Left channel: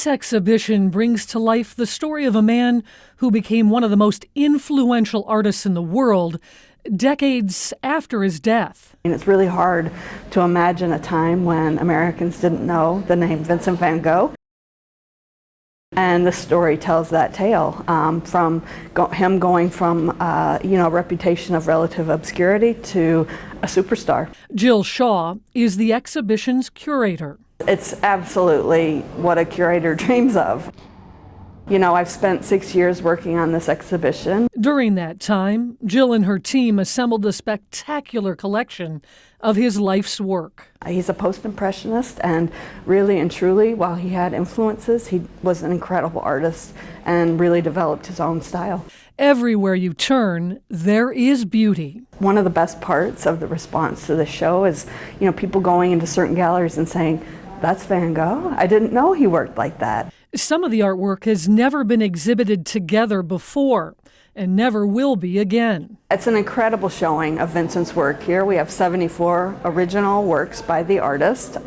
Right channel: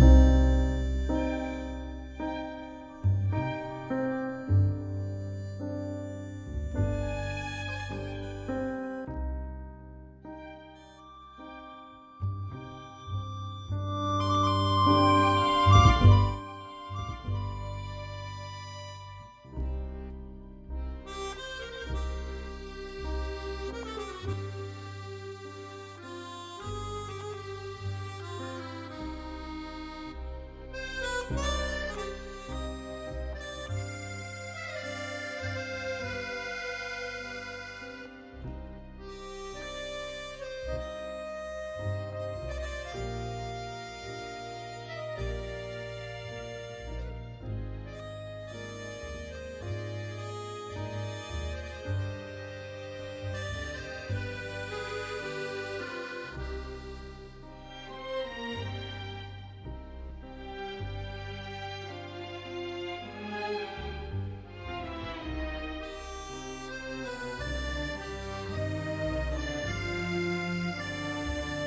This exhibition brings to life the story of a man who became one of the most influential artists in the world decades after his death. And it's really hard to imagine a time when Americans didn't know the name Vincent van Gogh. And the story tells that tale, from him going from a reputation of relative obscurity to a superstar. Jill Shaw is the exhibition's curator. It's absolutely what a curator dreams of. I've spent 6 years working on this exhibition. During that time, Jill and her team assembled a spectacular collection of his life's work. He's a post-impressionist, and really and truly, while he had influences, he was an incredible artist and really developed his own style. Everywhere you turn, there is beauty. One of the best parts of the response to the show is, people going into certain galleries and saying, "That's Van Gogh? I didn't know he worked like that." Some of the artwork has never been exhibited together before and never will be again. It's an incredible showing of Vincent's work here. We have 74 original works by the artist.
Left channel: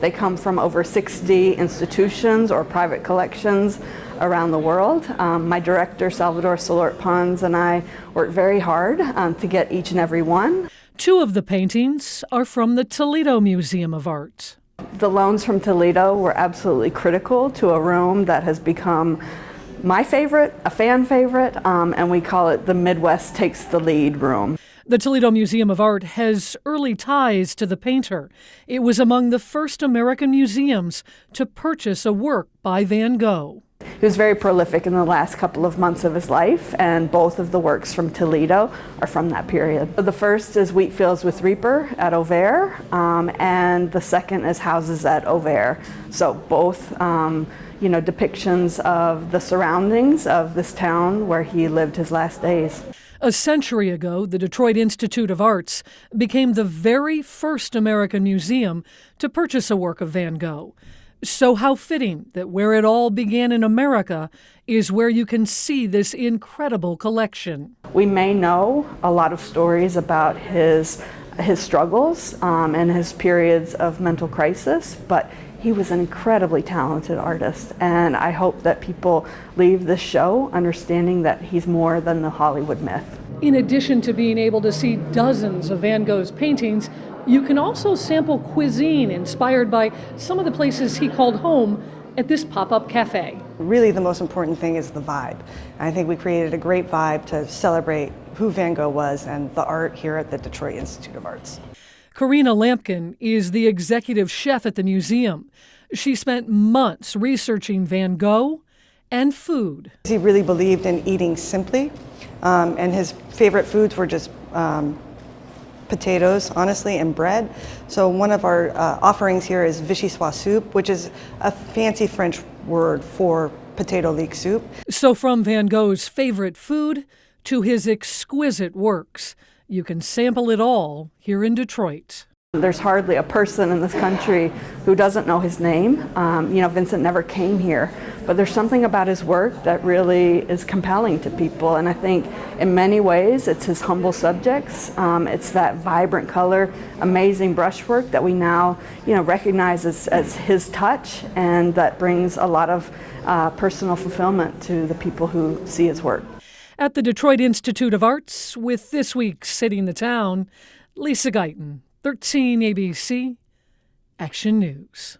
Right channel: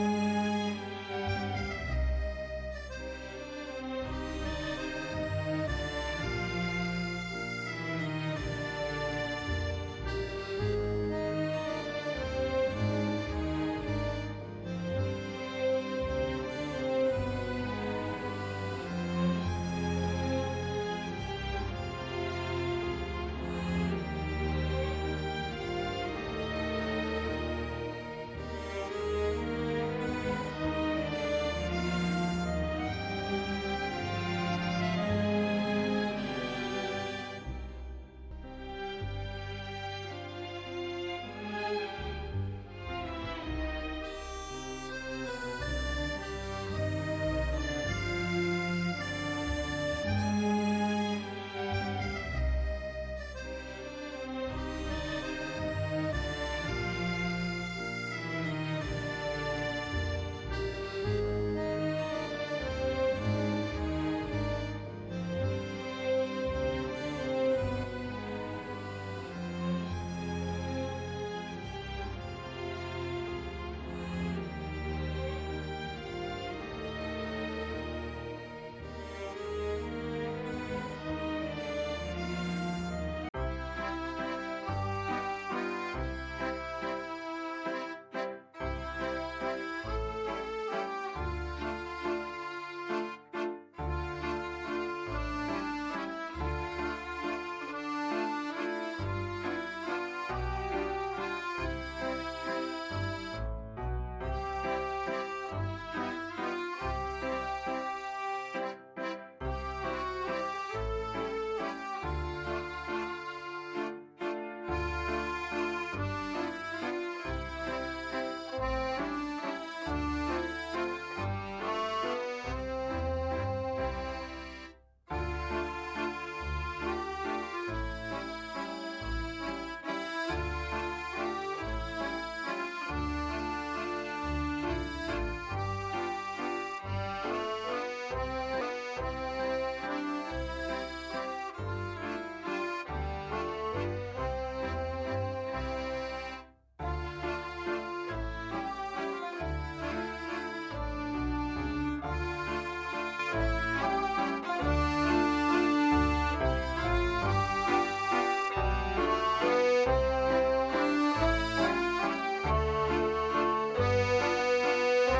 They come from over 60 institutions or private collections around the world. My director, Salvador Solort Pons, and I worked very hard to get each and every one. 2 of the paintings are from the Toledo Museum of Art. The loans from Toledo were absolutely critical to a room that has become my favorite, a fan favorite, and we call it the Midwest Takes the Lead room. The Toledo Museum of Art has early ties to the painter. It was among the first American museums to purchase a work by Van Gogh. He was very prolific in the last couple of months of his life, and both of the works from Toledo are from that period. The first is Wheat Fields with Reaper at Auvers, and the second is Houses at Auvers. So both depictions of the surroundings of this town where he lived his last days. A century ago, the Detroit Institute of Arts became the very first American museum to purchase a work of Van Gogh. So how fitting that where it all began in America is where you can see this incredible collection. We may know a lot of stories about his struggles and his periods of mental crisis, but he was an incredibly talented artist, and I hope that people leave this show understanding that he's more than the Hollywood myth. In addition to being able to see dozens of Van Gogh's paintings, you can also sample cuisine inspired by some of the places he called home at this pop-up cafe. Really, the most important thing is the vibe. I think we created a great vibe to celebrate who Van Gogh was and the art here at the Detroit Institute of Arts. Karina Lampkin is the executive chef at the museum. She spent months researching Van Gogh and food. He really believed in eating simply, and his favorite foods were just potatoes, honestly, and bread. So one of our offerings here is vichyssoise soup, which is a fancy French word for potato leek soup. So from Van Gogh's favorite food to his exquisite works, you can sample it all here in Detroit. There's hardly a person in this country who doesn't know his name. Vincent never came here, but there's something about his work that really is compelling to people, and I think in many ways it's his humble subjects. It's that vibrant color, amazing brushwork that we now recognize as his touch, and that brings a lot of personal fulfillment to the people who see his work. At the Detroit Institute of Arts, with this week's City in the Town, Lisa Guyton, 13 ABC, Action News.